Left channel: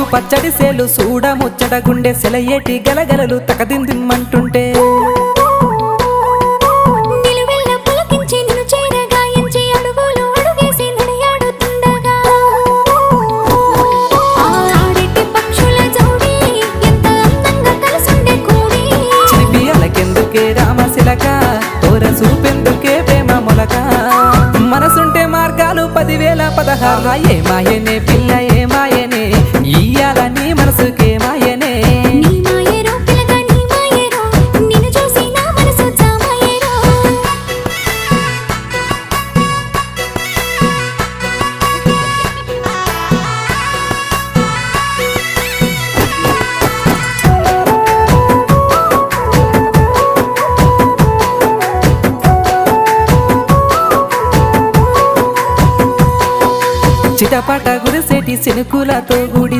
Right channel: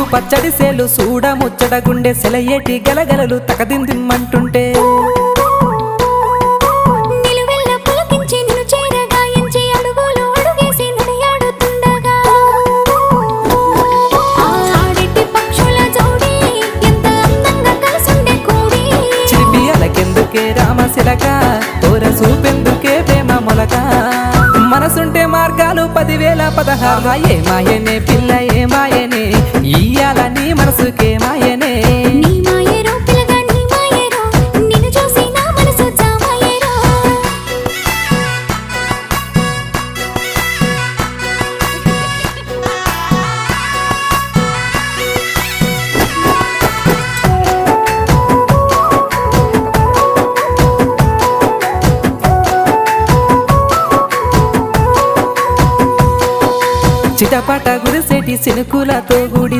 ముద్దు పచ్చడి సేలు సూడ ముచ్చట గుండె సెలయేటి గలగలలు తకదిందిమ్మంటుంటే నిలువెల్ల పులకించి నిన్ను చేరగాయించి అడుగులు అడుగేసి నడియాడుతుండగా ఆడెట్టి పక్షుల జోడి ఎంత అందంగా కలుసుండే కూడి చిలిపి అలకెందుకే రామశిలక తోర చూపెందుకే ప్రేమ మొలక మనసుంటే మార్గాలు 10,016 ఏ మాయనే పిల్ల ఏ మాయనే ఇయ్యాల నీ మనసుకే మాయనే నీ మాయేరో పిల్లగా నీ మాయేరో నిన్ను చూసి నా మనసు జామాయేరో చిటపట గురిసేటి సినుకులతో గుడి